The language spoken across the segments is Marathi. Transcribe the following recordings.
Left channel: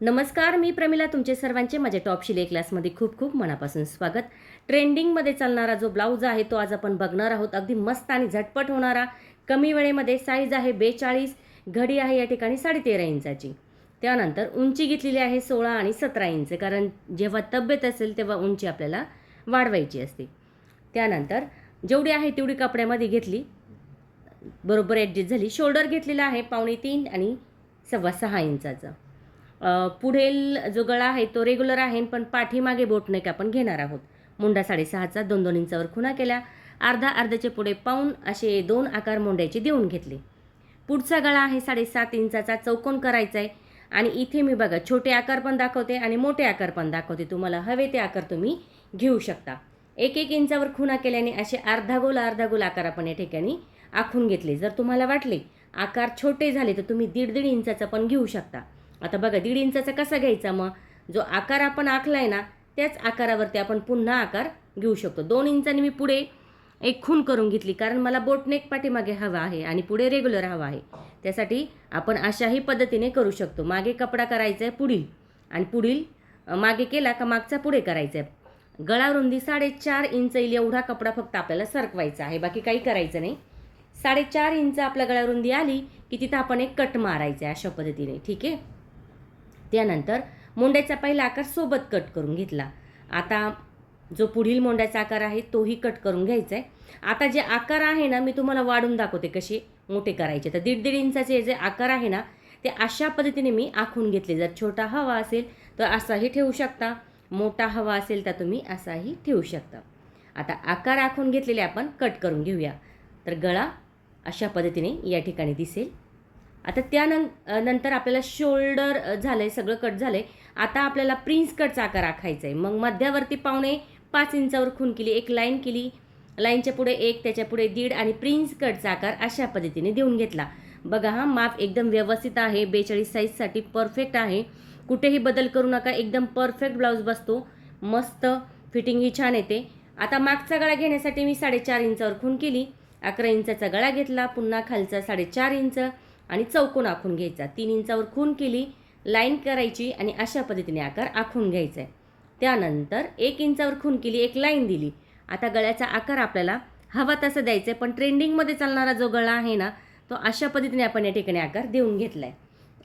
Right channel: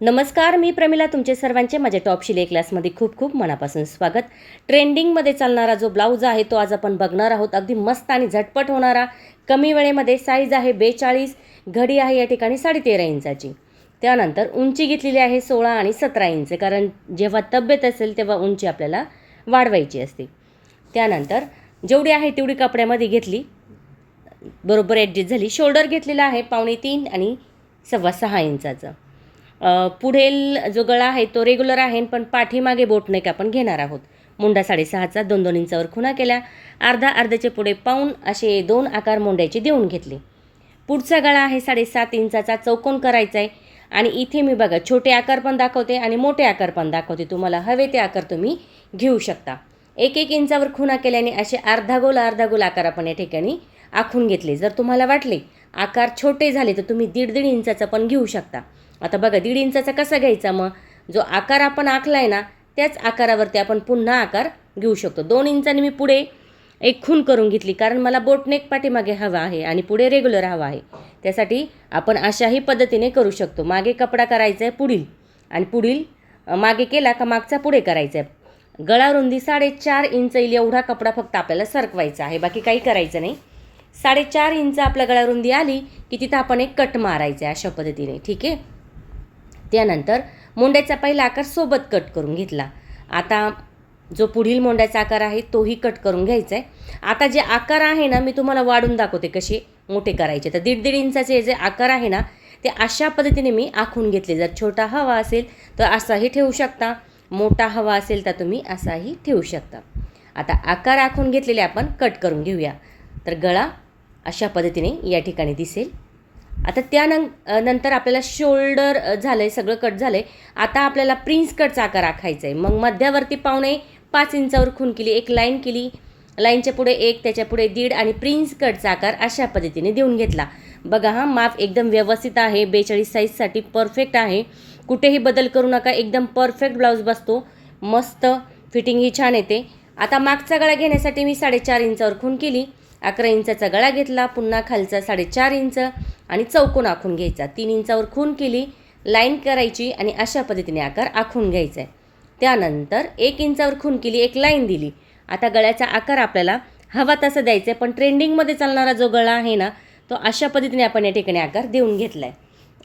नमस्कार, मी प्रमिला. तुमचे सर्वांचे माझ्या टॉप शिलाई क्लासमध्ये खूप खूप मनापासून स्वागत. ट्रेंडिंगमध्ये चालणारा जो ब्लाऊज आहे तो आज आपण बघणार आहोत. अगदी मस्त आणि झटपट होणारा, कमी वेळेमध्ये. साईज आहे 42, घडी आहे या ठिकाणी 13.5 इंचाची. त्यानंतर उंची घेतलेली आहे 16 आणि 17 इंच, कारण जेव्हा तब्येत असेल तेव्हा उंची आपल्याला वाढवायची असते. त्यानंतर जेवढी आहे तेवढी कपड्यामध्ये घेतली, बरोबर ॲडजस्ट झाली. शोल्डर घेतलेला आहे 3.25 आणि 6.25 इंचाचं. पुढील जो गळा आहे तो रेग्युलर आहे, पण पाठीमागे बोटनेक आपण घेणार आहोत. मुंडा 6.5चा 2-2 इंचावर खुणा केल्या. अर्ध्याचे पुढे पाऊण असे 2 आकार मुंड्याचे देऊन घेतले. पुढचा गळा आहे 7.5 इंचाचा, चौकोन करायचा आहे. आणि इथे मी बघा छोटे आकार पण दाखवते आणि मोठे आकार पण दाखवते. तुम्हाला हवे ते आकार तुम्ही घेऊ शकता. 1-1 इंचावर खुणा केल्याने असे अर्धा गोल आकार आपण या ठिकाणी आखून घेतले. जर तुम्हाला वाटले आकार छोटे झाले तर तुम्ही 1.5 इंचाचा पण घेऊ शकता. आता बघा 1.5 इंचाचा कसा घ्यायचा, मग जो आकार आपण आखला आहे ना त्याच आकारावरती आपण पुन्हा आकार घेऊ शकतो. 2 इंचांनी मी पुढे एक खूण करून घेतली, कारण मला बोटनेक पाठीमागे हवा आहे आणि पुढे रेग्युलर हवा आहे. त्यासाठी आपण अशाही पद्धतीने करू शकतो. मागे कपडा करायचा आहे पुढील, आणि पुढील मागे केला का मागचा पुढे करायचा आहे. गळा रुंदी 4.5 इंच येईल एवढा कपडा फक्त आपल्याला सरकवायचा आहे, बाकी काही करायचं नाही. 4.5 इंच आपल्या गळा रुंदी आली की तिथं आपण एक कट मारायचा आहे अशा पद्धतीने. ठीक आहे. त्यानंतर मोंड्याचा पहिला आकार सोबत कट करून घेतला. आता जो पुढील मोंड्याचा आकार आहे तोही कट करून घ्यायचा आहे. आता जे आकार आहे ना मी तुम्हाला वाढून दाखवते कसे मोठे करायचे. तर 1.5 इंचाचे जे आकार आहे ना ते अशा पद्धतीने मी आखून घेतले. जर छोटा हवा असेल तर असाही ठेवू शकता, मोठा हवा असेल तर तुम्ही असाही ठेवू शकता. आता आकार आखून घेतलेले आपण कट करून घेऊया. तर गळा अशा पद्धतीने या ठिकाणी दिसेल. आता त्यानंतर आपल्याला शोल्डर झालं आहे, सगळं कट झालं आहे. आता आपल्याला प्रिन्स कटचा आकार आखायचा आहे. मग मध्यावरती 5.25 इंचावर खूण केली, एक लाईन केली, लाईनच्या पुढे 1, त्याच्या पुढे 1.5 आणि प्रिन्स कटचा आकार अशा पद्धतीने देऊन घेतला. बघा हा माप एकदम व्यवस्थित आहे. 42 साईजसाठी परफेक्ट आहे. कुठेही बदल करू नका, एकदम परफेक्ट ब्लाऊज बसतो. मस्त फिटिंगही छान येते. आता मागचा गळा घेण्यासाठी मी 4.5 इंचावर खूण केली. 11 इंचाचा गळा घेतला, पुन्हा खालचा 4.5 इंच आणि चौकोन आखून घ्यायचा. 3 इंचावर खूण केली, लाईन करायची आणि अशा पद्धतीने आकार आखून घ्यायचा आहे. त्यानंतर 1 इंचावर खूण केली, एक लाईन दिली. आता गळ्याचा आकार आपल्याला हवा तसा द्यायचा आहे, पण ट्रेंडिंगमध्ये चालणारा जो गळा आहे ना तो अशा पद्धतीने आपण या ठिकाणी आकार देऊन घेतला आहे.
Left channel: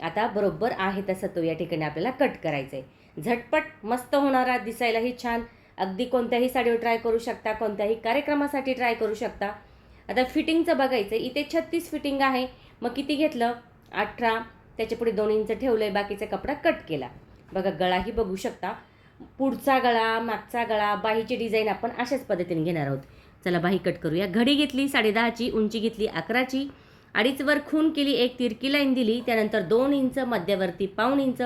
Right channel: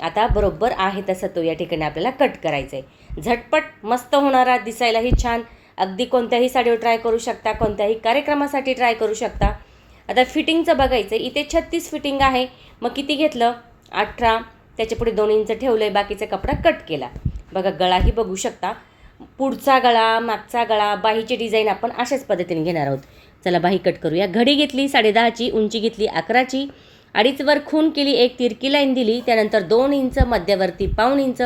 आता बरोबर आहे तसा तो या ठिकाणी आपल्याला कट करायचा आहे. झटपट मस्त होणारा, दिसायलाही छान. अगदी कोणत्याही साडीवर ट्राय करू शकता, कोणत्याही कार्यक्रमासाठी ट्राय करू शकता. आता फिटिंगचं बघायचं. इथे 36 फिटिंग आहे. मग किती घेतलं? 18. त्याच्या पुढे 2 इंच ठेवलं आहे, बाकीचा कपडा कट केला. बघा गळाही बघू शकता. पुढचा गळा, मागचा गळा, बाहीची डिझाईन आपण अशाच पद्धतीने घेणार आहोत. चला बाही कट करूया. घडी घेतली 10.5ची, उंची घेतली 11ची, 2.5 वर खूण केली, एक तिरकी लाईन दिली. त्यानंतर 2 इंच मध्यवर्ती पाऊण इंच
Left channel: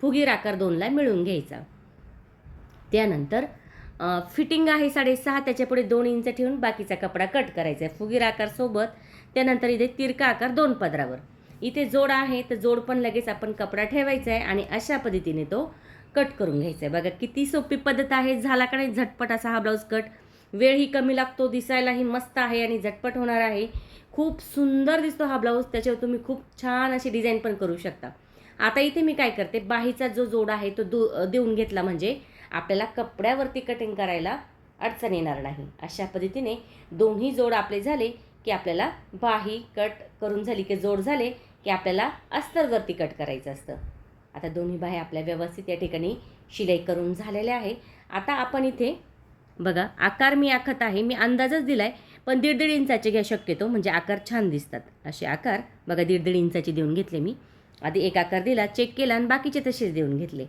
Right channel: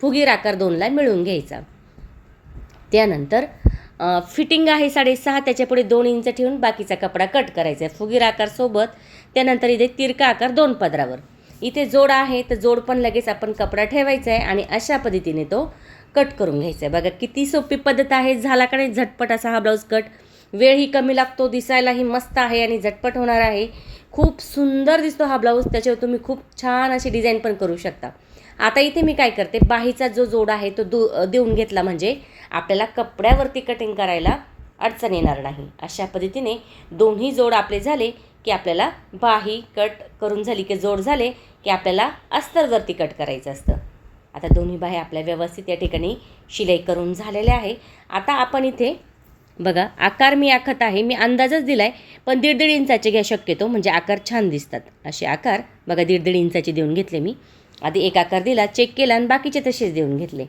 फुगीर आकार 2ला मिळवून घ्यायचा. त्यानंतर फिटिंग आहे 6.5, त्याच्या पुढे 2 इंच ठेवून बाकीचा कपडा कट करायचा आहे फुगीर आकार सोबत. त्यानंतर इथे तिरका आकार 2 पदरावर. इथे जोड आहे तर जोड पण लगेच आपण कपडा ठेवायचा आहे आणि अशा पद्धतीने तो कट करून घ्यायचा आहे. बघा किती सोपी पद्धत आहे. झाला का नाही झटपट असा हा ब्लाऊज कट. वेळही कमी लागतो, दिसायलाही मस्त आहे आणि झटपट होणार आहे. खूप सुंदर दिसतो हा ब्लाऊज. त्याच्यावर तुम्ही खूप छान अशी डिझाईन पण करू शकता. आता इथे मी काय करते, बाहीचा जो जोड आहे तो देऊन घेतला, म्हणजे आपल्याला कपड्यावरती कटिंग करायला अडचण येणार नाही. अशा पद्धतीने दोन्ही जोड आपले झाले की आपल्याला बाही कट करून झाली की जोड झाले की आपल्याला अस्तरवरती कट करायचं असतं. आता दोन्ही बाही आपल्या व्यवस्थित या ठिकाणी शिलाई करून झालेल्या आहे. आता आपण इथे बघा आकार मी आखत आहे, मी अंदाजच दिला आहे, पण 1.5 इंचाचे घ्या शक्यतो, म्हणजे आकार छान दिसतात. असे आकार बघा 1.5 इंचाचे देऊन घेतले मी. आधी एक आकार दिला, चेक केला आणि बाकीचे तसेच देऊन घेतले.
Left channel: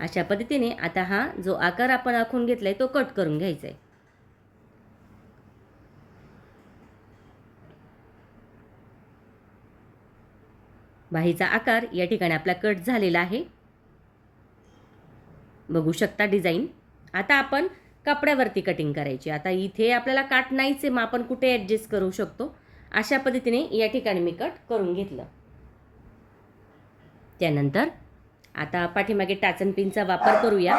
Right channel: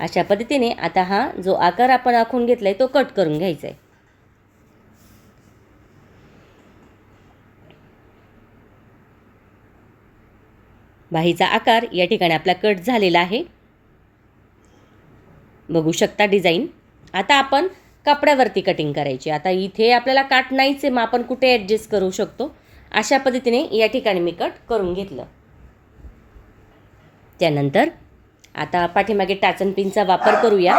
अशा पद्धतीने आता हा जो आकार आपण आखून घेतला आहे तो कट करून घ्यायचा आहे. बाहीचा आकार या ठिकाणी आपला कट झालेला आहे, बघू शकता डिझाईन. आता आपण कपड्यावरती कटिंग करायची. आता इथे आपल्याला काट नाहीच आहे, मग आपण कुठे ॲडजस्ट करू शकतो. अशा पद्धतीने या ठिकाणी मी कट करून घेतलं. त्यानंतर आता पाठीमागे टाचन पिनचा वापर करूया.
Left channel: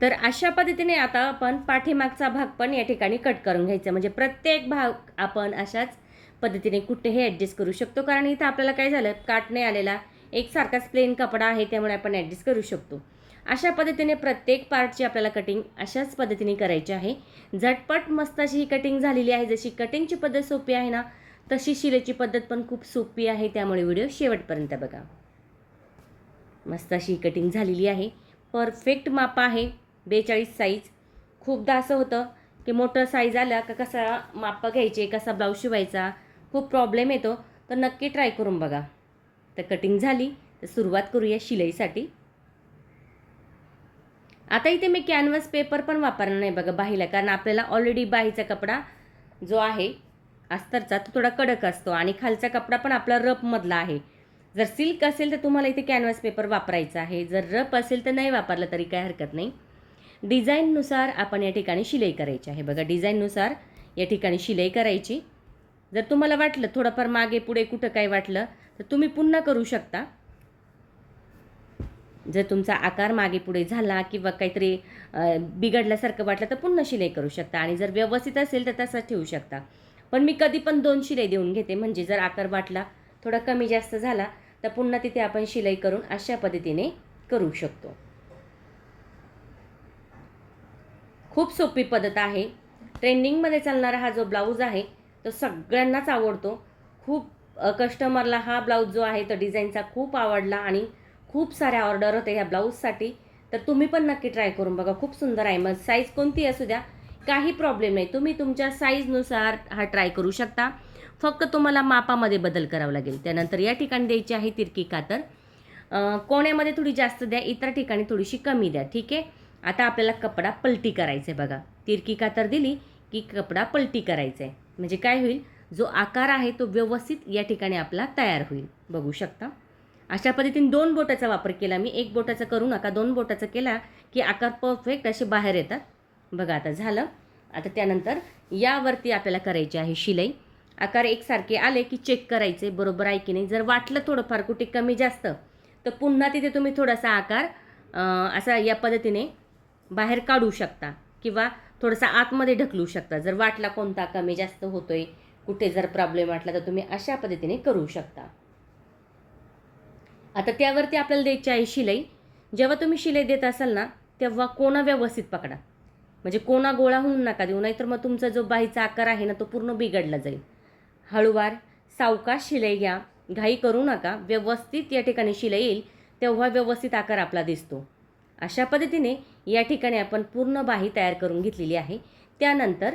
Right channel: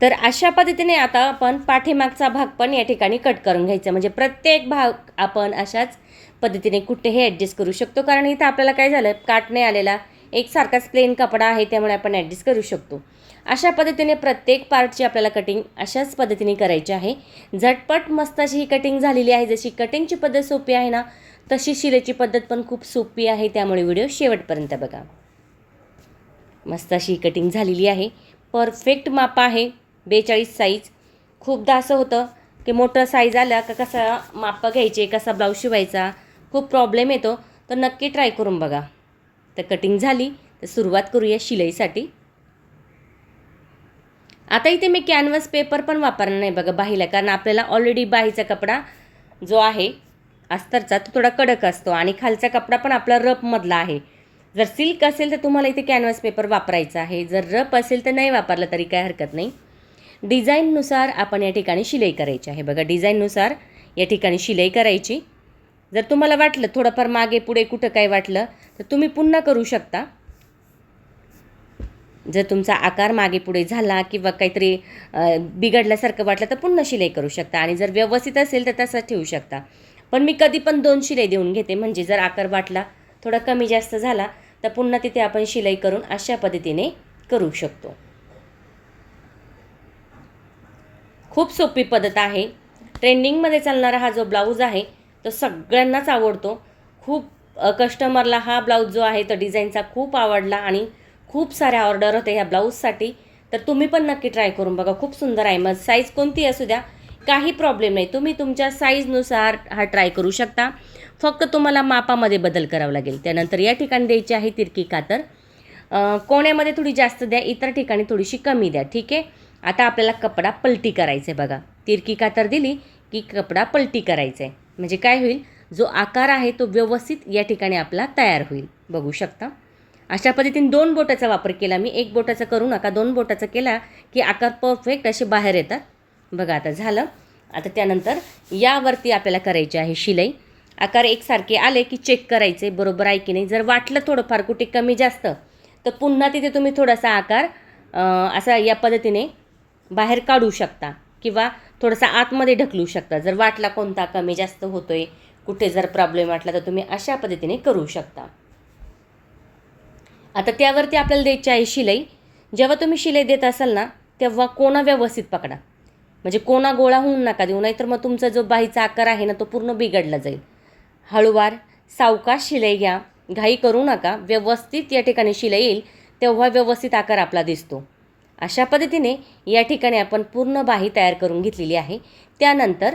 तर अशा पद्धतीने आता आपण पाठीमागचा भाग पण या ठिकाणी कट करून घ्यायचा, म्हणजे प्रत्येक भाग आपण अशाच पद्धतीने कुठेही ॲडजस्ट करू शकतो. कारण इथं आपल्याला काय झालं, काट नाही आलेला, एकसारखाच प्लेन कपडा आहे, त्यामुळे आपण ॲडजस्ट करू शकतो. अशा पद्धतीने प्रत्येक पार्टची आपल्याला कटिंग अशाच पद्धतीने करायची आहे. झटपट मस्त अशी ही कटिंग झालेली आहे. जशी कटिंगची पद्धत सोपी आहे ना, तशी शिलाईची पद्धत पण खूप सोपी आहे, त्यामुळे व्हिडिओ शेवटपर्यंत बघा. मस्त अशी कटिंग झालेली आहे. परफेक्ट माप आहे 42 साईज. खूपदा असं होतं की मोठं साईज आला का कसा माप घ्यायचे, कसा ब्लाऊज शिवायचा, खूप प्रॉब्लेम येतो. तर नक्की ट्राय करून बघा. तर कटिंग झाली तर सुरुवात करूया शिलाईसाठी. आता इथे मी कॅनव्हास पेपर पण वापरणार नाही बघा बाहीला, कारण आपल्याला ऑलरेडी बाहीचा कपडा जो आहे अस्तरचा तो थोडा कडक असतो आणि खालचा कपडा पण आपला रफमधला आहे. जर सिल्क असेल तर तुम्हाला इथे कॅनव्हास पेपर वापरायचा आहे. जर रफ असेल तर नाही वापरलं तरी काय हरकत नाही. डिझाईननुसार आपण या ठिकाणी शिलाई करायची आहे बघा. डिझाईननुसार या ठिकाणी शिलाई करायची. जर तुम्हाला वाटलं थोडंफार मागे पुढे कुठं काय वाटलं तर तुम्ही पुन्हा करू शकता. जर तुमचा आकार मागे पुढे झाला किंवा काहीतरी बिघडल्यासारखं वाटलं तर पुन्हा शिलाई करू शकता आणि जर व्यवस्थित असेल तर तसंच ठेवू शकता. पण मी कधी पण 2 शिलाई देऊन घेते, म्हणजे जर आकार वाटला थोडा कमी जास्त झाला तर पुन्हा तिथे आपण शिलाई करून अशा पद्धतीने करू शकतो. खूप सोपी पद्धत आहे. ट्रेंडिंगमध्ये चालणारा हा जो ब्लाऊज आहे तो सगळ्यांनाच आवडतो. खूप कस्टमरला हा ब्लाऊज जो आहे तो डिझाईनचा खूप आवडला आणि खूप साऱ्या ऑर्डर होते ह्या ब्लाऊजसाठी. तर तुम्ही पण नक्की ट्राय करून बघा. खूप सुंदर आहे. मग साईज कोणती असू द्या, काही प्रॉब्लेम नाही. तुम्ही तुमच्या साईजनुसार हा ट्राय करू शकता. फक्त तुम्हाला मापामध्ये बदल करावा लागेल. त्यानंतर या ठिकाणी द्यायची आहे तिरकी कातर. कोण्यामध्ये थोडी जास्त द्या, इतर ठिकाणी थोडीशी कमी द्या. ठीक आहे. आता आपल्याला कपडा पलटी करायचा आहे बघा. तिरकी कातर दिली की कपडा पलटी करायचा आहे. म्हणजे काय होईल, जो आकार आहे तो व्यवस्थित या ठिकाणी आपला तयार होईल. बघू शकता अशा पद्धतीने 2 बोटाचा वापर केला मी. 1 बोटाचा करू नका. 2 बोटाचा केला की आकार परफेक्ट असे बाहेर येतात. बघा आता झालं. आता त्यानंतर यावरती आपल्याला करायची आहे शिलाई. आकार एकसारखे आले की चेक करायचे बरोबर आहे की नाही. जर वाटलं थोडंफार कुठे कमी जास्त तर पुन्हा तिथे तुम्ही थोडासा आकार असा या पद्धतीने बाहेर काढू शकता किंवा थोडासा आतमध्ये ढकलू शकता. जर वाटला कोणता कमी जास्त होतोय, कुठे जर प्रॉब्लेम वाटला तर तुम्ही अशा पद्धतीने करू शकता. आता त्यावरती आपल्याला द्यायची आहे शिलाई. जेव्हा तुम्ही शिलाई देत असाल ना तेव्हा कोना व्यवस्थित पकडा. म्हणजे कोना गोळा होऊन नका देऊ, नाहीतर मग तुमचा जो बाहीचा आकार आहे ना तो पूर्ण बिघडला जाईल. हळूवार सावकाश शिलाई घ्या. घाई करू नका. व्यवस्थित या ठिकाणी शिलाई येईल तेव्हा व्यवस्थित आकार आपला दिसतो. अशा पद्धतीने या ठिकाणी आपण पूर्ण बाही तयार करून घेतलेली आहे. त्यानंतर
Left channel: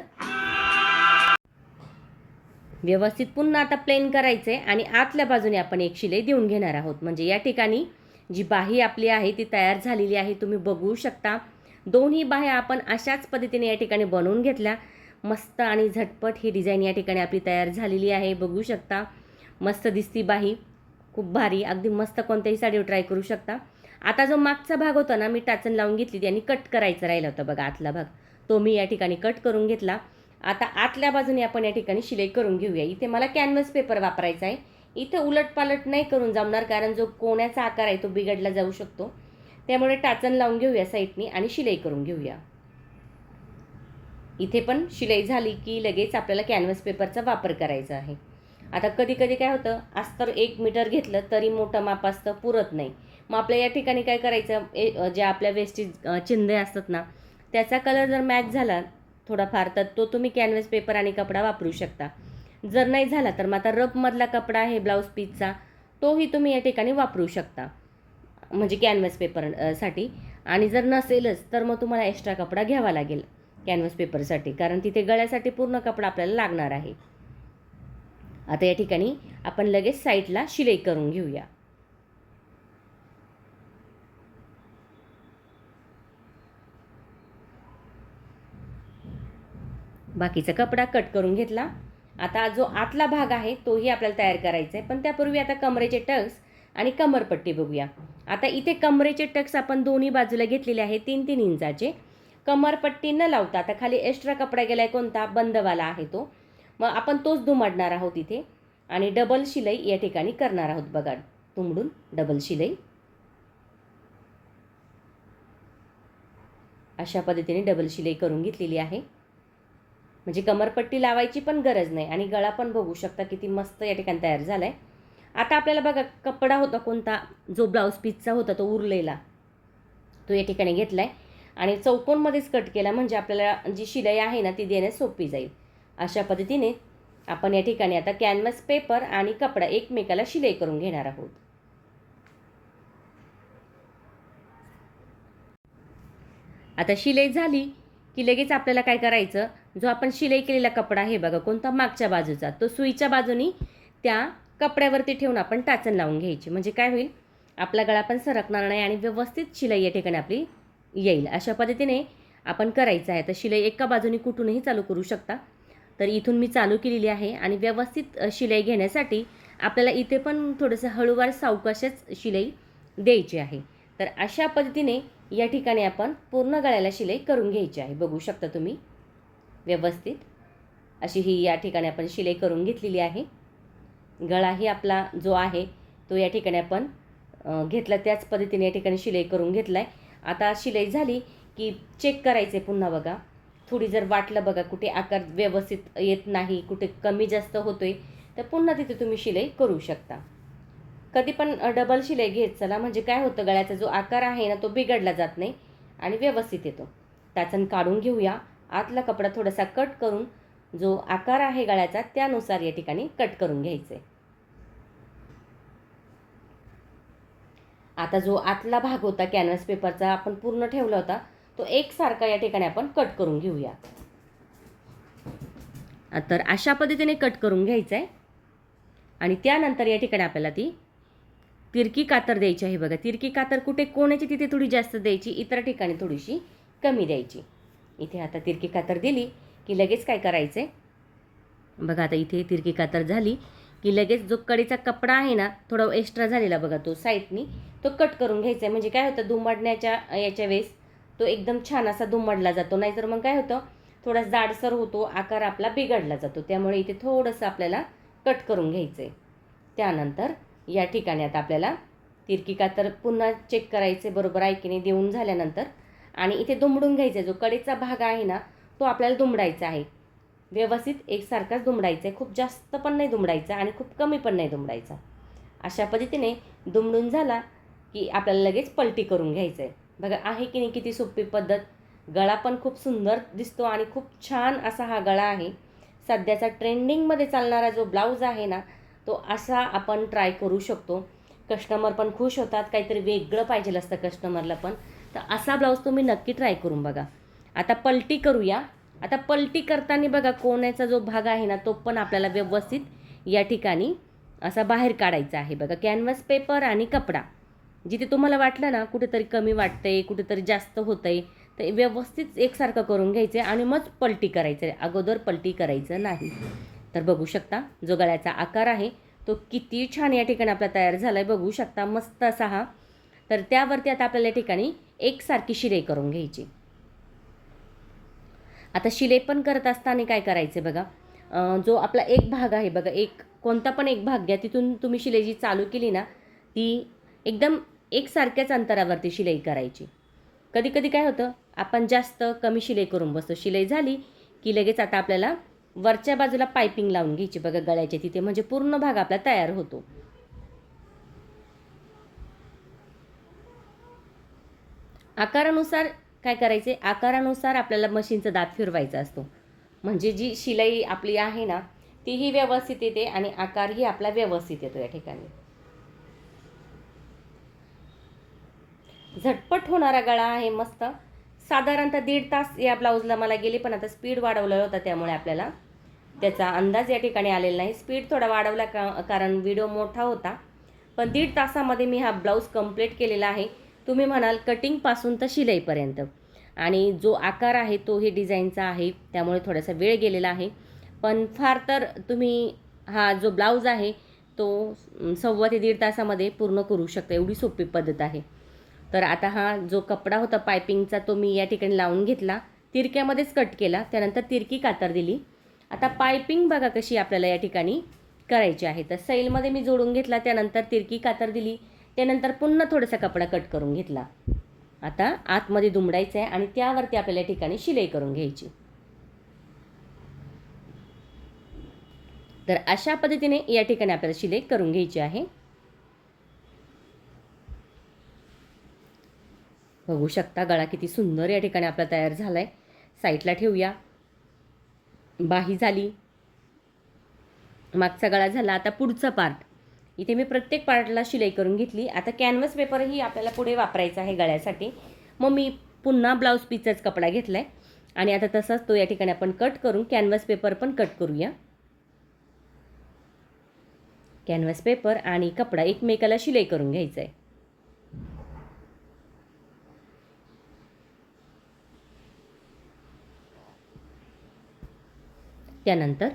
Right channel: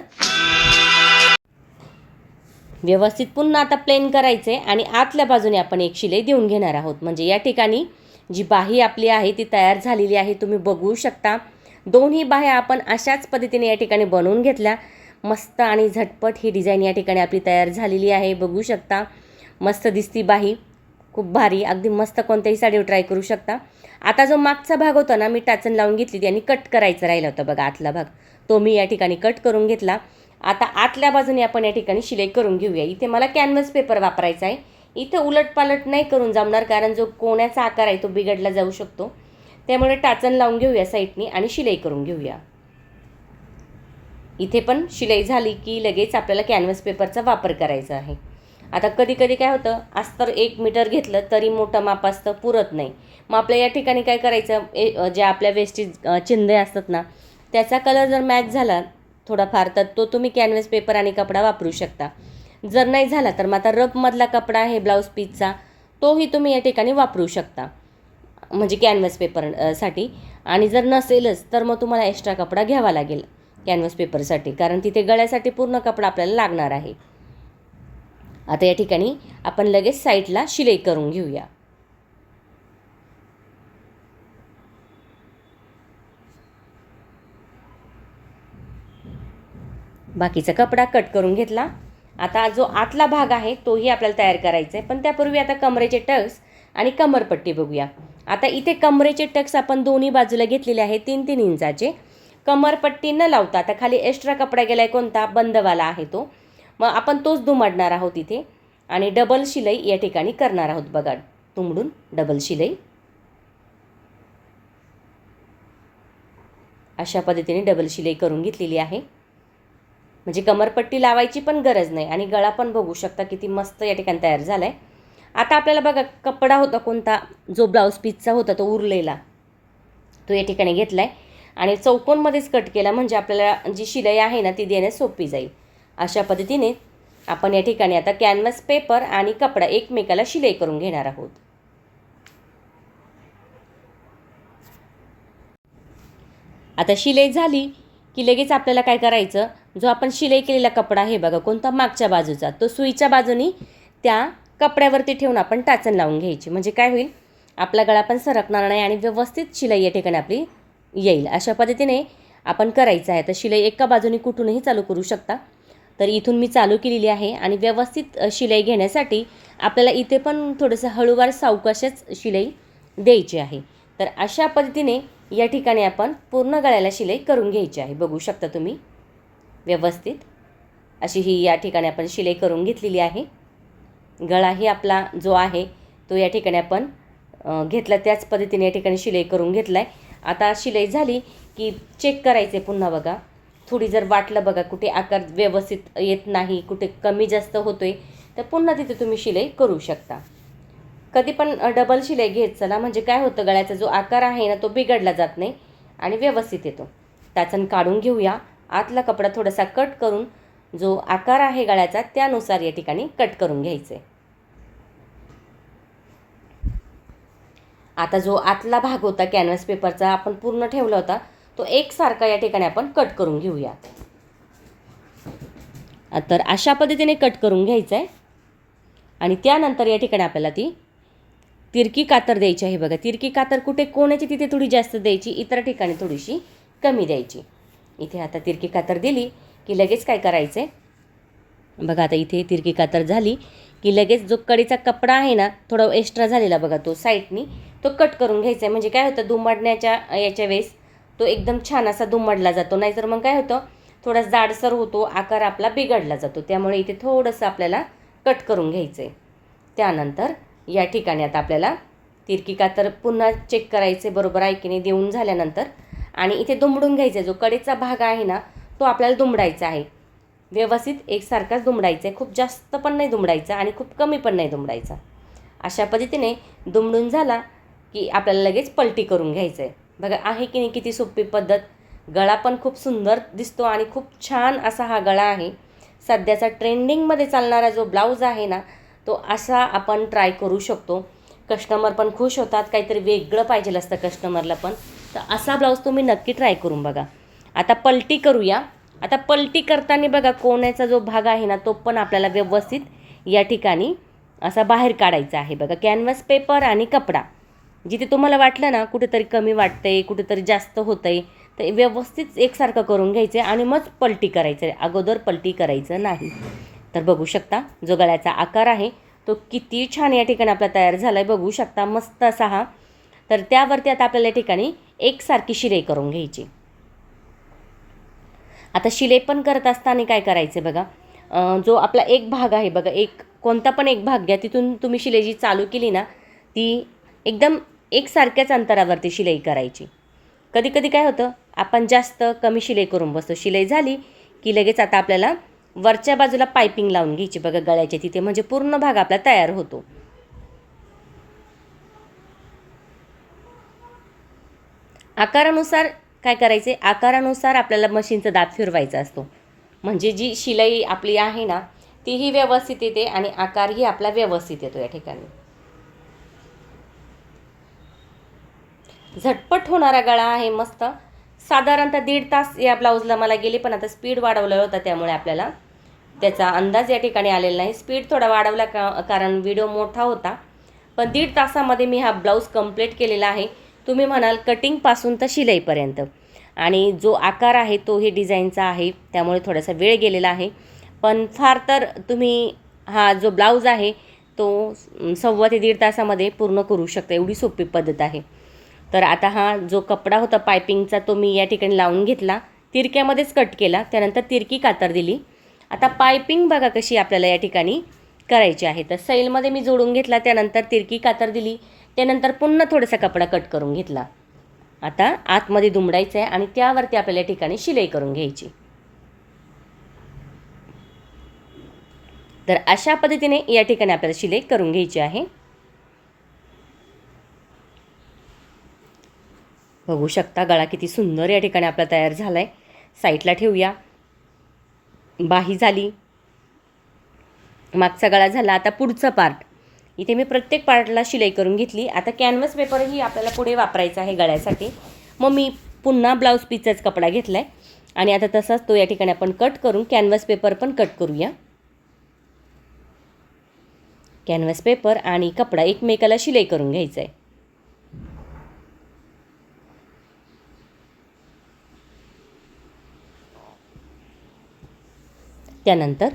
व्यवस्थित पुन्हा आता प्लेन करायचे आणि आतल्या बाजूने आपण एक शिलाई देऊन घेणार आहोत. म्हणजे या ठिकाणी जी बाही आपली आहे ती तयार झालेली आहे. तुम्ही बघू शकता. दोन्ही बाह्या आपण अशाच पद्धतीने या ठिकाणी बनवून घेतल्या. मस्त आणि झटपट ही डिझाईन या ठिकाणी आपली तयार झालेली आहे. बघू शकता. मस्त दिसती बाही. खूप भारी. अगदी मस्त कोणत्याही साडीवर ट्राय करू शकता. आता जो मागचा भाग होता ना मी टाचन लावून घेतली आणि कट करायचा राहिला होता बघा आतला भाग, तो मी या ठिकाणी कट करून घेतला. आता आतल्या बाजूने आपण या ठिकाणी शिलाई करून घेऊया. इथे मला कॅनव्हास पेपर वापरायचा आहे. इथे उलटपालट नाही करून जमणार, कारण जो कोण्याचा आकार आहे तो बिघडला जाऊ शकतो. त्यामुळे टाचन लावून घेऊया साईडनी आणि शिलाई करून घेऊया. इथे पण शिलाई झाली की लगेच आपल्याला कॅनव्हास पेपरचा वापर करायचा आहे. आता कधी कधी काय होतं, अस्तर 1 मीटर घेतलं तरी मोठं माप असतं, पुरत नाही. मग आपल्या या ठिकाणी काय करायचं, जे आपल्या वेस्टी चिंधे असतात ना त्याचा कलर जर मॅच झाला थोडाफार तर तो तुम्ही कॅनव्हास पेपर आणि कपडा वापरू शकता. जर नाही झाला तर मग आता रफमधला कपडा आहे ब्लाऊज पीसचा, तोही तुम्ही या ठिकाणी वापरू शकता म्हणजे कॅनव्हास पेपरसाठी. आणि जर नसेलच तर मग तुम्हाला एक्स्ट्रा कपडा घ्यावा लागेल कॅनव्हास पेपरसाठी, कारण तिथे गळ्यासाठी पूर्ण कपडा आपल्याला लागणार आहे. आता या ठिकाणी आपण लगेच साईडला शिलाई करून घेऊया. बाकीचा कपडा कट करून घेतला. आता जो आतला भाग आहे तोही आपल्याला तयार करायचा आहे, पण त्यापूर्वी आता कमरेचे टक्स आणि कमरपट्टी बघूया. आता इथे कमरेचे टक्स आपण दोन्ही बाजूला घेतलेले आहे 3-3 इंचाचे. कमरपट्टी न लावता आता खाली एक्स्ट्रा कपडा गेलाय कोणता, बंदवाला आहे तो, मग आपण तोच दुमडणार आहोत इथे आणि डबल शिलाई या ठिकाणी करणार आहोत बघा. तुंबडून डबल शिलाई अशा पद्धतीने डबल शिलाई करून घेतलेली आहे. म्हणजे कमरपट्टी लावायची पण गरज नाही आणि गळा पण बघू शकता किती मस्त या ठिकाणी तयार झाला आहे. आता आपल्याला बघा कपडा होता कोणता, जो ब्लाऊज पीसचा होता तो उरलेला, तो या ठिकाणी घेतला आहे आणि चौकोनमध्येच कट केला, म्हणजे आपल्याला जी शिलाई आहे ना ती देण्यास सोपी जाईल. अशा पद्धतीने आपण या ठिकाणी आता कॅनव्हास पेपर आणि कपडा एकमेकाला शिलाई करून घेणार आहोत. आता शिलाई झाली की लगेच आपल्याला काय करायचं, जो आपण शिलाई केलेला कपडा आहे बघा कोणता, मागच्या बाजूचा, तो सुईच्या बाजूनी त्या कपड्यावरती ठेवून आपण टाचण लावून घ्यायची. म्हणजे काय होईल, आपला गळा पण सरकणार नाही आणि व्यवस्थित शिलाई या ठिकाणी आपली येईल. अशा पद्धतीने आपण करायचं आहे. तर शिलाई एका बाजूने कुठूनही चालू करू शकता. तर इथून मी चालू केलेली आहे आणि व्यवस्थित शिलाई घेण्यासाठी आपल्याला इथे पण थोडंसं हळूवार सावकाशच शिलाई द्यायची आहे. तर अशा पद्धतीने या ठिकाणी आपण पूर्ण गळ्याला शिलाई करून घ्यायची आहे. बघू शकता तुम्ही व्यवस्थित अशी ही या ठिकाणी आपण शिलाई करून घेतलेली आहे. गळाही आपला जो आहे तो या ठिकाणी आपण घेतला, त्याच पद्धतीने या ठिकाणी शिलाई करून घेतला आहे. आता शिलाई झाली की चेक करायचे पुन्हा बघा, थोडी जर वाटलं बघा कुठे आकार व्यवस्थित येत नाही, कुठे कमी जास्त होतोय, तर पुन्हा तिथे तुम्ही शिलाई करू शकता. कधी पण डबल शिलाई घेत चला, म्हणजे काय होतं, गळ्याचा जो आकार आहे ना तो बिघडला जात नाही आणि व्यवस्थित येतो. टाचण काढून घेऊया. आतला कपडा थोडासा कट करून जो आकार आहे गळ्याचा त्यानुसार या ठिकाणी कट करून घ्यायचे. आता जो आतला भाग होता कॅनव्हास पेपरचा आपण पूर्ण ठेवला होता, तो एकसारखा या ठिकाणी आपण कट करून घेऊया. तर अशा पद्धतीने कट करून घ्यायचं आहे आणि त्यानंतर या ठिकाणी आपल्याला ती तिरकी कातर द्यायची आहे. बघा तिरकी कातर कुठे कोणाची तिथे थोडी जास्त द्यायची, इतर ठिकाणी थोडीशी कमी द्यायची. इथे आता तिरकी कातर दिली की लगेच काय करायचं आहे बघा, आता इथे तिरकी कातर झाली की लगेच जो कडीचा कपडा आहे ना थोडा एक्स्ट्रा झालेला बघा, तो साईडनी तो कट करून घ्यायचा आहे. म्हणजे काय होतं, दुमडण्याच्या याच्या वेळेस तो एकदम छान असा दुमडला जातो, नाहीतर मग काय होतं थोडा जाडसर होतो, आकार आपला बिघडला जातो. त्यामुळे इथे थोडंसं आपल्याला कट करून घ्यायचं आहे. त्यानंतर या ठिकाणी आता आपल्याला तिरकी कातर पुन्हा चेक करायचे बरोबर आहे की नाही देऊन झाल्यानंतर, आणि इथे दुमडून घ्यायचा. जो कडेचा भाग आहे ना तो आपल्याला दुमडायचा आहे, व्यवस्थित एकसारखाच दुमडायचा आहे. खूप जास्त पण नाही दुमडायचा आणि खूप कमी पण नाही दुमडायचा. अशा पद्धतीने दुमडून झाला की आपल्याला लगेच पलटी करून घ्यायचं आहे. बघा आहे की नाही किती सोपी पद्धत. गळा पण खूप सुंदर दिसतो आणि खूप छान असा हा गळा आहे. सध्याचा ट्रेंडिंगमध्ये चालणारा जो ब्लाऊज आहे ना तो असा आपण ट्राय करू शकतो. कस्टमर पण खुश होतात, काहीतरी वेगळं पाहिजे असतं कस्टमरला पण. तर असा ब्लाऊज तुम्ही नक्की ट्राय करून बघा. आता पलटी करूया. आता पलटी करताना बघा कोण्याचा जो भाग आहे ना तो पण आपल्याला व्यवस्थित या ठिकाणी असा बाहेर काढायचा आहे. बघा कॅनव्हास पेपर आणि कपडा, जिथे तुम्हाला वाटलं ना कुठेतरी कमी वाटतंय, कुठेतरी जास्त होतंय, तर व्यवस्थित एकसारखं करून घ्यायचं आणि मग पलटी करायचं आहे, अगोदर पलटी करायचं नाही. तर बघू शकता जो गळ्याचा आकार आहे तो किती छान या ठिकाणी आपला तयार झाला आहे, बघू शकता मस्त असा हा. तर त्यावरती आता आपल्याला या ठिकाणी एकसारखी शिलाई करून घ्यायची. आता शिलाई पण करत असताना काय करायचं बघा, जो आपला एक भाग आहे बघा, एक कोणता पण एक भाग घ्या, तिथून तुम्ही शिलाई जी चालू केली ना ती एकदम एकसारख्याच अंतरावरती शिलाई करायची. कधी कधी काय होतं आपण जास्त कमी शिलाई करून बसतो. शिलाई झाली की लगेच आता आपल्याला वरच्या बाजूला पायपिंग लावून घ्यायची बघा गळ्याच्या तिथे, म्हणजे पूर्ण भाग आपला तयार होतो. आकारानुसार काय करायचे, आकारानुसार आपल्याला मशीनचा दाब फिरवायचा असतो, म्हणजे जी शिलाई आपली आहे ना तीही व्यवस्थित येते आणि आकारही आपला व्यवस्थित येतो. या ठिकाणी झटपट होणारा गळा आहे मस्त. साधारणतः 1.5 तास या ब्लाऊजला मला गेले, पण आता स्पीड वाढवलं होतं त्यामुळे आपल्याला त्याचा अंदाज या ठिकाणी आलेला नाही. स्पीड थोडा वाढवला कारण व्हिडिओ मोठा होता. पण 1.5 तासामध्ये मी हा ब्लाऊज कंप्लीट केलेला आहे. तुम्ही म्हणाल कटिंगपासून तर शिलाईपर्यंत, आणि जो आकार आहे तोही डिझाईनचा आहे त्यामुळे थोडासा वेळ गेलेला आहे. पण फार तर तुम्ही हा जो ब्लाऊज आहे तो 1.25 ते 1.5 तासामध्ये पूर्ण करू शकता, एवढी सोपी पद्धत आहे. तर आता हा जो कपडा होता पायपिंगचा तो मी या ठिकाणी लावून घेतला, तिरक्यामध्येच कट केला, त्यानंतर तिरकी कातर दिली. आता पायपिंग बघा कशी आपल्याला या ठिकाणी करायची आहे. तर सैलमध्ये मी जोडून घेतला, त्यानंतर तिरकी कातर दिली, त्यानंतर पुन्हा थोडासा कपडा कट करून घेतला. आता आतमध्ये दुमडायचं आहे आणि त्यावरती आपल्याला या ठिकाणी शिलाई करून घ्यायची. तर अशा पद्धतीने या ठिकाणी आपल्याला शिलाई करून घ्यायची आहे. बघू शकता गळा किती सुंदर या ठिकाणी आपला तयार झाला आहे. साईडला ठेवूया. बाही झाली, मागचा गळा झाला. आता पुढचा पार्ट. इथे मी प्रत्येक पार्टला शिलाई करून घेतली. आता कॅनव्हास पेपरही आपल्याला पुढे वापरायचा आहे गळ्यासाठी. मग मी पुन्हा ब्लाऊज पीसचाच कपडा घेतला आहे आणि आता तसाच तो या ठिकाणी आपण कट करून कॅनव्हास पेपर पण कट करूया. कॅनव्हास पेपर आणि कपडा एकमेकाला शिलाई करून घ्यायचा आहे. त्यानंतर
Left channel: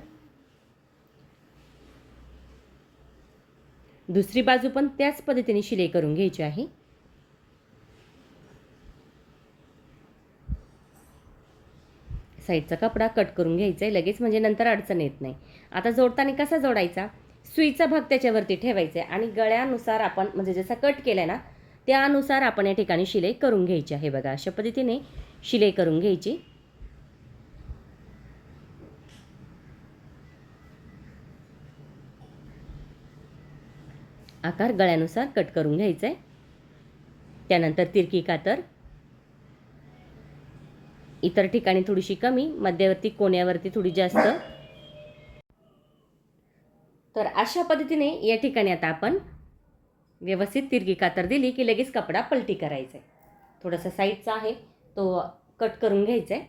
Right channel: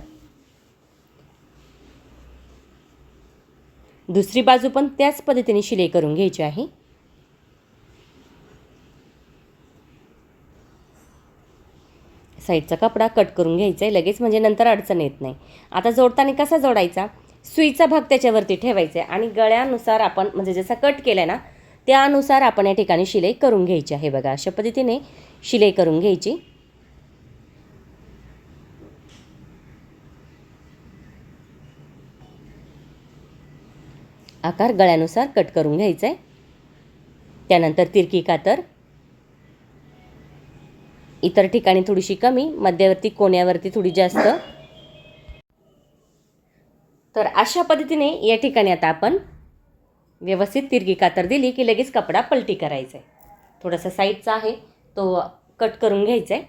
दुसरी बाजू पण त्याच पद्धतीने शिलाई करून घ्यायची आहे. साईडचा कपडा कट करून घ्यायचा आहे लगेच, म्हणजे नंतर अडचण येत नाही. आता जोडताना कसा जोडायचा, सुईचा भाग त्याच्यावरती ठेवायचा आहे आणि गळ्यानुसार आपण म्हणजे जसा कट केला ना त्यानुसार आपण या ठिकाणी शिलाई करून घ्यायची आहे. बघा अशा पद्धतीने शिलाई करून घ्यायची. आकार गळ्यानुसार कट करून घ्यायचा आहे. त्यानंतर तिरकी कातर इतर ठिकाणी थोडीशी कमी, मध्यवर्ती कोण्यावरती थोडी जास्त. तर अशा पद्धतीने या ठिकाणी आता आपण व्यवस्थित तिरकी कातर दिली की लगेच कपडा पलटी करायचा आहे. थोडासा साईडचा आहे तो कट करून घ्यायचा आहे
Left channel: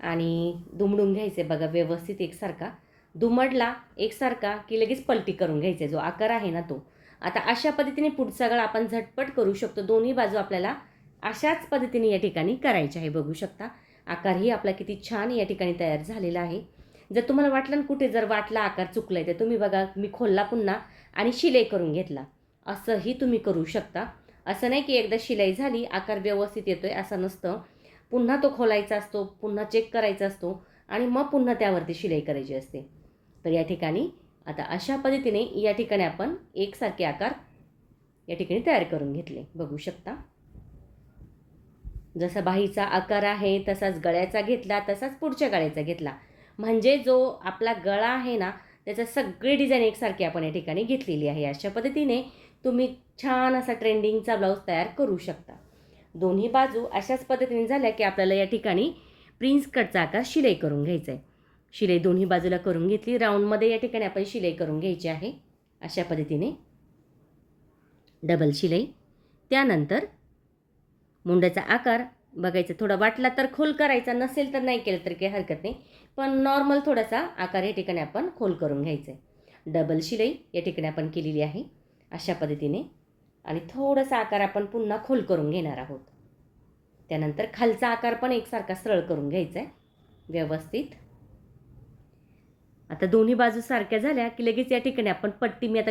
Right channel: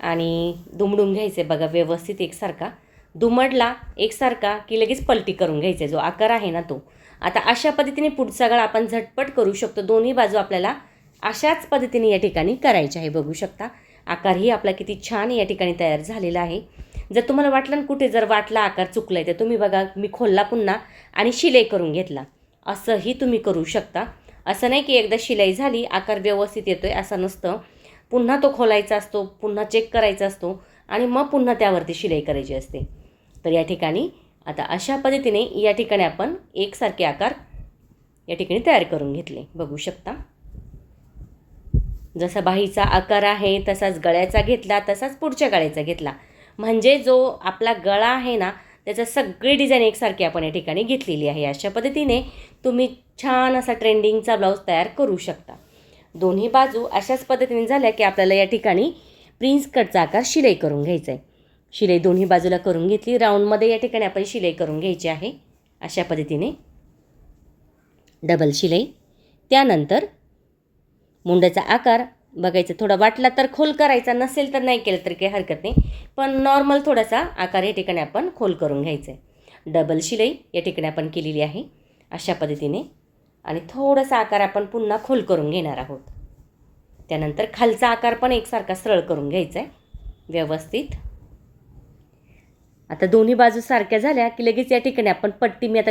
आणि दुमडून घ्यायचं आहे. बघा व्यवस्थित एकसारखा दुमडला एकसारखा की लगेच पलटी करून घ्यायचा आहे. जो आकार आहे ना तो. आता अशा पद्धतीने पुढचा गळा आपण झटपट करू शकतो. दोन्ही बाजू आपल्याला अशाच पद्धतीने या ठिकाणी करायचे आहे. बघू शकता आकारही आपला किती छान या ठिकाणी तयार झालेला आहे. जर तुम्हाला वाटलं ना कुठे जर वाटला आकार चुकला आहे तर तुम्ही बघा मी खोलला पुन्हा आणि शिलाई करून घेतला, असंही तुम्ही करू शकता. असं नाही की एकदा शिलाई झाली आकार व्यवस्थित येतोय असं नसतं. पुन्हा तो खोलायचा असतो, पुन्हा चेक करायचा असतो आणि मग पुन्हा त्यावरती शिलाई करायची असते. तर या ठिकाणी आता अशा पद्धतीने या ठिकाणी आपण एकसारखे आकार या ठिकाणी तयार करून घेतले. बघू शकता जसा बाहीचा आकार आहे तसाच गळ्याचा घेतला, तसाच पुढच्या गळ्याचा घेतला. म्हणजे जो आपला गळा आहे ना त्याचा सगळी डिझाईन एकसारखी आपण या ठिकाणी घेतलेली आहे. अशा पद्धतीने तुम्ही छान असा ट्रेंडिंगचा ब्लाऊज तयार करू शकता. दोन्ही बाजू अशाच पद्धतीने झाल्या की आपल्याला या ठिकाणी प्रिन्स कटचा आकार शिलाई करून घ्यायचा आहे. शिलाई दोन्ही बाजूला करून घेतली. राऊंडमध्ये या ठिकाणी आपण शिलाई करून घ्यायची आहे. अशा पद्धतीने डबल शिलाई. त्यानंतर मुंड्याचा आकार बघायचा, थोडा वाटला तर खोल करायचा, नसेल तर नाही केलं तर काही हरकत नाही, पण नॉर्मल थोडासा आकार या ठिकाणी आपण खोल करून घ्यायचा आहे. डबल शिलाई या ठिकाणी आपण केलेली आहे अशा पद्धतीने आणि थोडासा आकार आपण पुन्हा खोल करून घेणार आहोत. त्यानंतर खालचा आकार पण एकसारखा सरळ करून घ्यायचा आहे व्यवस्थित. आता दोन्ही बाजू सारख्या झाल्या की लगेच या ठिकाणी आपण पट्टी, मी आता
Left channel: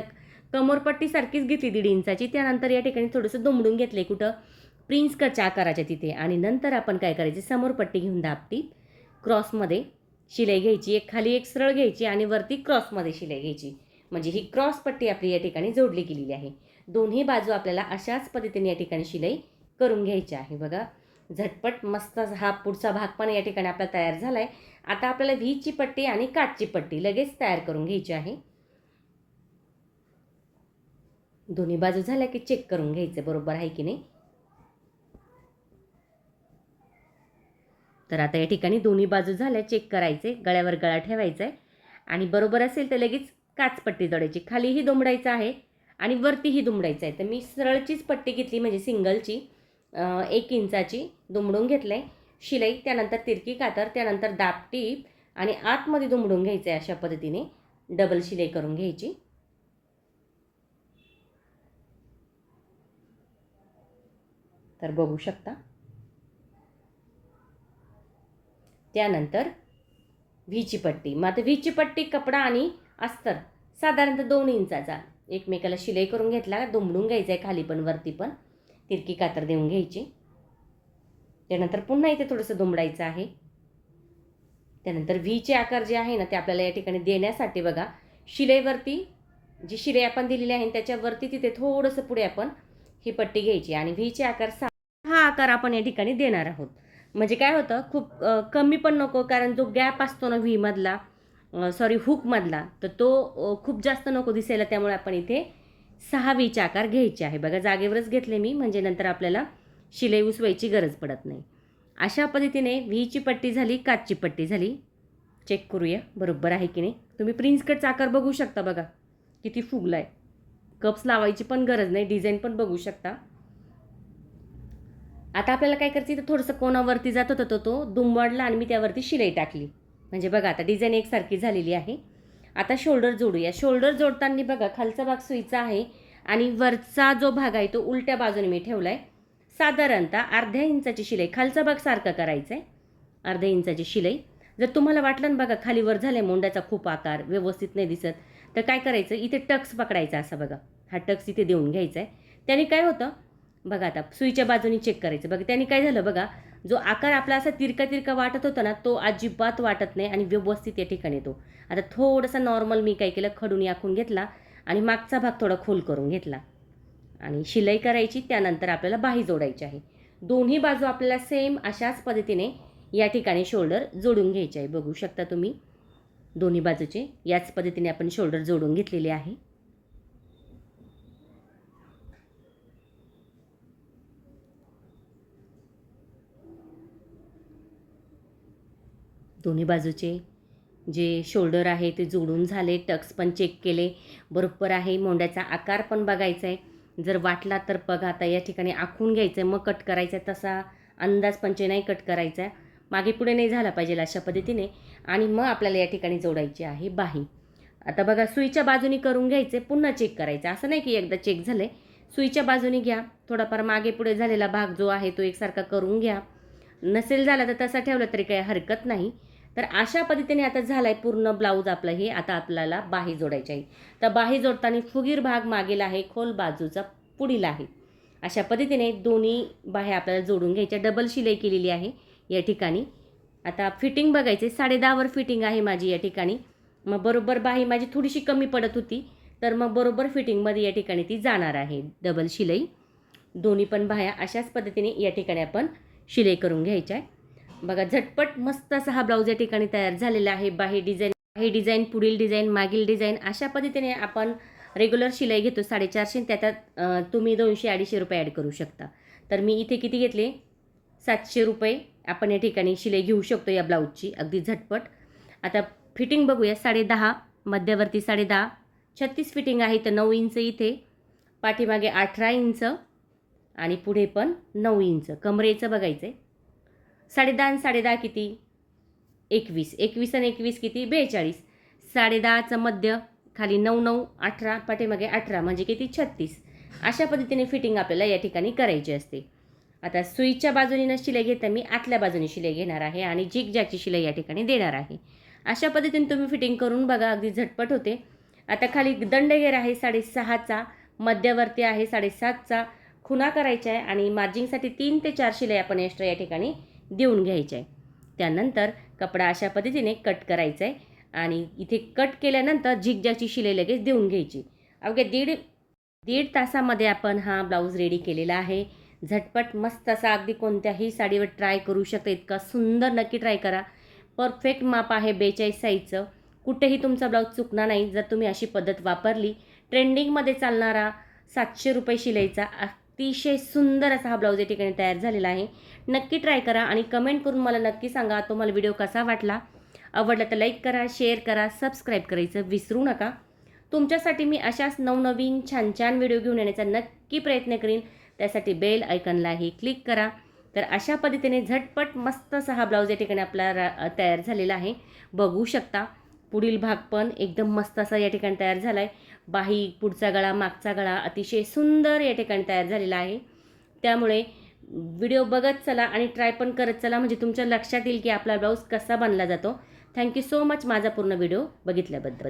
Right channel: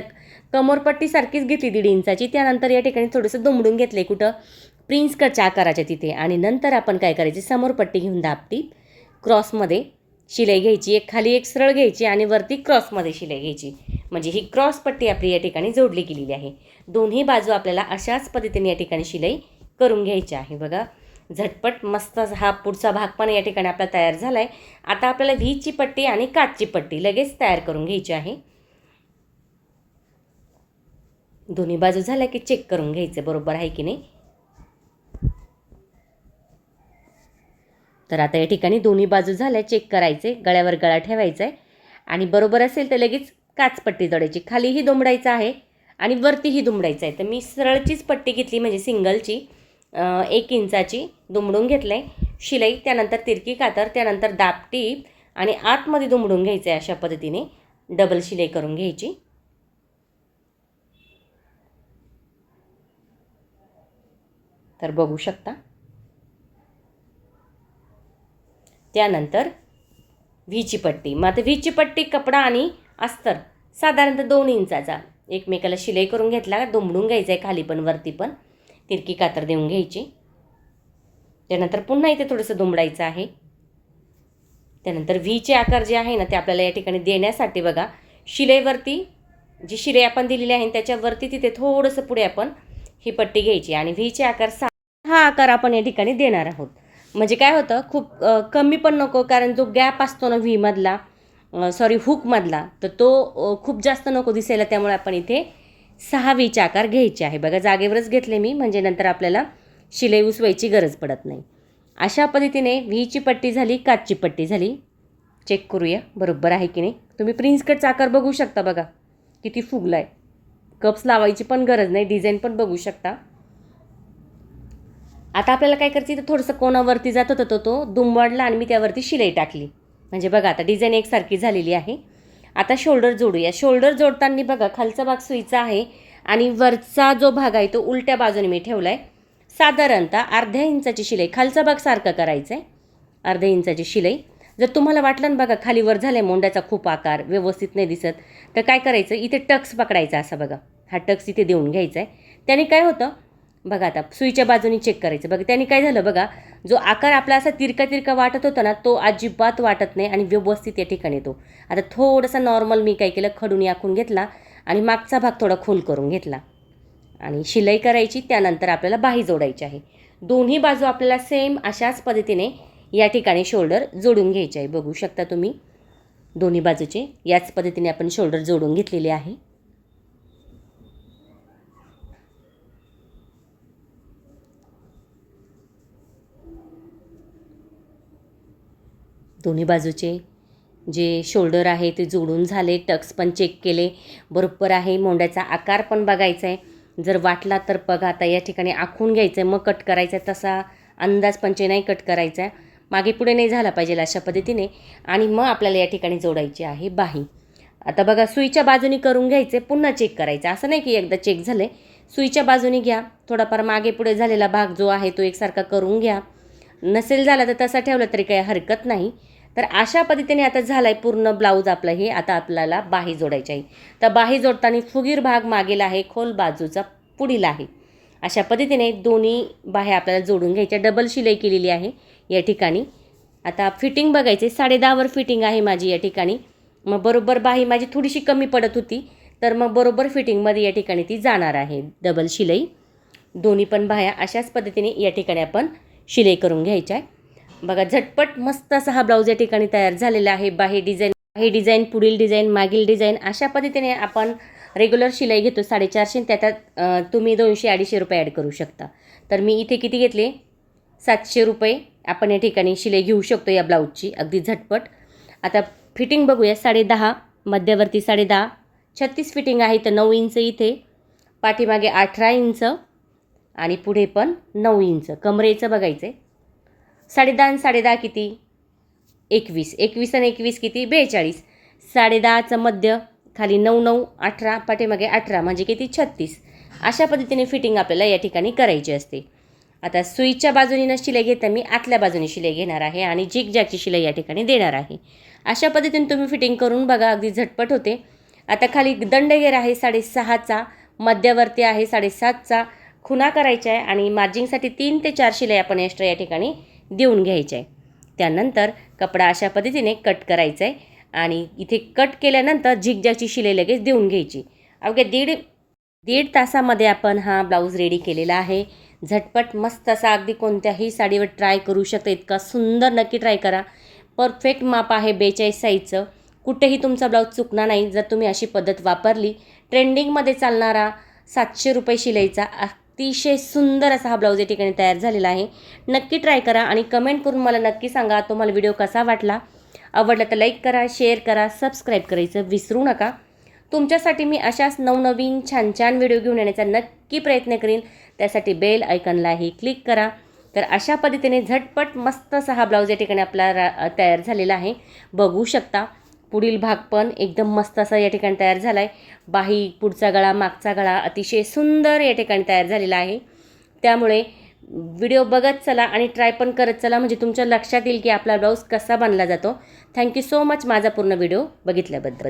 कमरपट्टी सारखीच घेतली 1.5 इंचाची. त्यानंतर या ठिकाणी थोडंसं दुमडून घेतले कुठं प्रिन्स कटच्या आकाराच्या तिथे आणि नंतर आपण काय करायचे समोर पट्टी घेऊन दाबटी क्रॉसमध्ये शिलाई घ्यायची. एक खाली एक सरळ घ्यायची आणि वरती क्रॉसमध्ये शिलाई घ्यायची. म्हणजे ही क्रॉस पट्टी आपली या ठिकाणी जोडली गेलेली आहे. दोन्ही बाजू आपल्याला अशाच पद्धतीने या ठिकाणी शिलाई करून घ्यायची आहे. बघा झटपट मस्त हा पुढचा भाग पण या ठिकाणी आपला तयार झाला आहे. आता आपल्याला व्हीची पट्टी आणि काचची पट्टी लगेच तयार करून घ्यायची आहे. दोन्ही बाजू झाल्या की चेक करून घ्यायचं बरोबर आहे की नाही. तर आता या ठिकाणी दोन्ही बाजू झाल्या, चेक करायचे, गळ्यावर गळा ठेवायचा आहे आणि बरोबर असेल तर लगेच काचपट्टी जोडायची. खालीही दुमडायचं आहे आणि वरतीही दुमडायचं आहे. तर मी सरळचीच पट्टी घेतली म्हणजे सिंगलची 1 इंचाची दुमडून घेतलं आहे शिलाई. त्यानंतर तिरकी कातर, त्यानंतर दाबटी आणि आतमध्ये दुमडून घ्यायचं आहे. अशा पद्धतीने डबल शिलाई करून घ्यायची. तर बघू शकता. त्यानंतर व्हीची पट्टी. मग आता व्हीची पट्टी कपडा आणि अस्तर साधारणतः 2 इंचाचा एकमेकाला शिलाई करून घेतला, दुमडून घ्यायचं आहे खाली पण वरती पण, तिरकी कातर देऊन घ्यायची. त्यानंतर पुन्हा इथे थोडंसं दुमडायचं आहे. त्यानंतर व्हीचे आकार जे आहे ना ते आपल्याला या ठिकाणी देण्यासाठी बघा शिलाईवरती जी शिलाई आपण दिलेली आहे त्याच्यावरती तिथे थोडंसं पुढे आपण ही पट्टी घ्यायची आणि व्हीचे आकार हा आकार आपण या ठिकाणी देणार आहोत. म्हणजे काय होतं खूप कमी पण नको, कारण जो गॅप असतो ना व्हीमधला हुकमधला, तर तो खूप जास्त नको दिसायला, त्यामुळे आपण इथे 6 व्हीचे आकार घ्यायचे आहे. बघा जागेवरच घेतले मी, म्हणजे नंतर आपल्याला शिलाई उसवायची गरज पडत नाही. अशा पद्धतीने व्हीची पट्टी झाली, काचची पट्टी झाली. चेक करूया बरोबर आहे की नाही. तुम्ही प्रिन्स कटचा आकार बघू शकता, बघा किती फुगला आहे. कप्स लावायची पण गरज नाही, डिझाईन पण बघू शकता. आता आपल्याला काय करायचं, तर थोडंसं कोणावरती जात होतं तो दुमवाडला आणि मी त्यावरती शिलाई टाकली. म्हणजे बघा आता डिझाईन एकसारखी झालेली आहे. आता शोल्डर जोडूया. शोल्डर जोडताना बघा खालचा भाग सुईचा आहे आणि वरचा जो भाग आहे तो उलट्या बाजूने मी ठेवला आहे. साधारणतः अर्ध्या इंचाची शिलाई, खालचा भाग सारखा करायचा आहे, अर्ध्या इंचाची शिलाई. जर तुम्हाला वाटलं ना बघा खाली वर झालं आहे, मोंड्याचा खूप आकार व्यवस्थित नाही दिसत, तर काय करायचं, इथे टक्स पकडायचा असा, बघा हा टक्स इथे देऊन घ्यायचा आहे. त्याने काय होतं बघा, आता सुईच्या बाजूने चेक करायचं. बघा त्याने काय झालं, बघा जो आकार आपला असा तिरका तिरका वाटत होता ना, तो अजिबात वाटत नाही आणि व्यवस्थित या ठिकाणी येतो. आता थोडासा नॉर्मल मी काय केलं, खडून आखून घेतला आणि मागचा भाग थोडा खोल करून घेतला आणि शिलाई करायची. त्यानंतर आपल्याला बाही जोडायची आहे. दोन्ही बाजू आपल्याला सेम अशाच पद्धतीने या ठिकाणी शोल्डर जोडून घ्यायचे आहे. बघू शकता तुम्ही दोन्ही बाजूचे याच पद्धतीने आपण शोल्डर जोडून घेतलेले आहे. दोन्ही बाजूचे जे शोल्डर आहे ते जोडून झाले, टक्स पण चेक केले बरोबर आहे. मोंड्याचा आकार पण बघायचा आहे, जर वाटला तर बघा आता या ठिकाणी आखून घ्यायचं आहे, मग कट करायचं आहे. तसा अंदाज पंचे नाही कट करायचा आहे, मागे पुढे नाही झाला पाहिजे अशा पद्धतीने. आणि मग आपल्याला या ठिकाणी जोडायची आहे बाही. आता बघा सुईच्या बाजूने करून घ्यायचे, पुन्हा चेक करायचं, असं नाही की एकदा चेक झाले. सुईच्या बाजूने घ्या, थोडाफार मागे पुढे झालेला भाग जो आहे तो एकसारखा करून घ्या. नसेल झाला तर तसा ठेवला तरी काही हरकत नाही. तर अशा पद्धतीने आता झाला आहे पूर्ण ब्लाऊज आपलं हे. आता आपल्याला बाही जोडायची आहे. तर बाही जोडताना फुगीर भाग मागील आहे, खोल बाजूचा पुढील आहे. अशा पद्धतीने दोन्ही बाह्या आपल्याला जोडून घ्यायच्या. डबल शिलाई केलेली आहे या ठिकाणी. आता फिटिंग बघायची, 10.5वर फिटिंग आहे माझी या ठिकाणी. मग बरोबर बाही माझी थोडीशी कमी पडत होती, तर मग बरोबर फिटिंगमध्ये या ठिकाणी ती जाणार आहे डबल शिलाई. दोन्ही पण बाह्या अशाच पद्धतीने या ठिकाणी आपण शिलाई करून घ्यायच्या आहे. बघा झटपट मस्त असा हा ब्लाऊज या ठिकाणी तयार झालेला आहे. बाही डिझाईन, पुढील डिझाईन, मागील डिझाईन अशा पद्धतीने आपण रेग्युलर शिलाई घेतो 450, त्यात तुम्ही 200-250 रुपये ॲड करू शकता. तर मी इथे किती घेतले, 700 रुपये आपण या ठिकाणी शिलाई घेऊ शकतो या ब्लाऊजची अगदी झटपट. आता फिटिंग बघूया. 10.5 मध्यवर्ती 10.5, 36 फिटिंग आहे, तर 9 इंच इथे, पाठीमागे 18 इंच आणि पुढे पण 9 इंच. कमरेचं बघायचं आहे. 10.5 आणि 10.5 किती, 21, 21 आणि 21 किती, 42. 10.5चं मध्य, खाली 9, 9, 18, पाठीमागे 18 म्हणजे किती, 36. अशा पद्धतीने फिटिंग आपल्याला या ठिकाणी करायची असते. आता सुईच्या बाजूने शिलाई घेता मी आतल्या बाजूने शिलाई घेणार आहे आणि झिगझॅगची शिलाई या ठिकाणी देणार आहे. अशा पद्धतीने तुम्ही फिटिंग करून बघा, अगदी झटपट होते. आता खाली दंडगेर आहे 6.5चा, मध्यवर्ती आहे 7.5चा, खुणा करायच्या आहे आणि मार्जिंगसाठी 3 ते 4 शिलाई आपण एक्स्ट्रा या ठिकाणी देऊन घ्यायचे आहे. त्यानंतर कपडा अशा पद्धतीने कट करायचा आहे आणि इथे कट केल्यानंतर झिगझॅगची शिलाई लगेच देऊन घ्यायची. अवघ्या दीड तासामध्ये आपण हा ब्लाऊज रेडी केलेला आहे. झटपट मस्त असा अगदी कोणत्याही साडीवर ट्राय करू शकता, इतका सुंदर. नक्की ट्राय करा. परफेक्ट माप आहे 42 साईजचं. कुठेही तुमचा ब्लाऊज चुकणार नाही जर तुम्ही अशी पद्धत वापरली. ट्रेंडिंगमध्ये चालणारा 700 रुपये शिलाईचा अतिशय सुंदर असा हा ब्लाऊज या ठिकाणी तयार झालेला आहे. नक्की ट्राय करा आणि कमेंट करून मला नक्की सांगा तुम्हाला व्हिडिओ कसा वाटला. आवडला तर लाईक करा, शेअर करा, सबस्क्राईब करायचं विसरू नका. तुमच्यासाठी मी अशाच नवनवीन छान छान व्हिडिओ घेऊन येण्याचा नक्की प्रयत्न करीन. त्यासाठी बेल आयकॉनलाही क्लिक करा. तर अशा पद्धतीने झटपट मस्त असा हा ब्लाऊज या ठिकाणी आपला तयार झालेला आहे. बघू शकता पुढील भाग पण एकदम मस्त असा या ठिकाणी तयार झाला आहे. बाही, पुढचा गळा, मागचा गळा अतिशय सुंदर या ठिकाणी तयार झालेला आहे. त्यामुळे व्हिडिओ बघत चला आणि ट्राय पण करत चला, म्हणजे तुमच्या लक्षात येईल की आपला ब्लाऊज कसा बनला जातो. थँक्यू सो मच माझा पूर्ण व्हिडिओ बघितल्याबद्दल.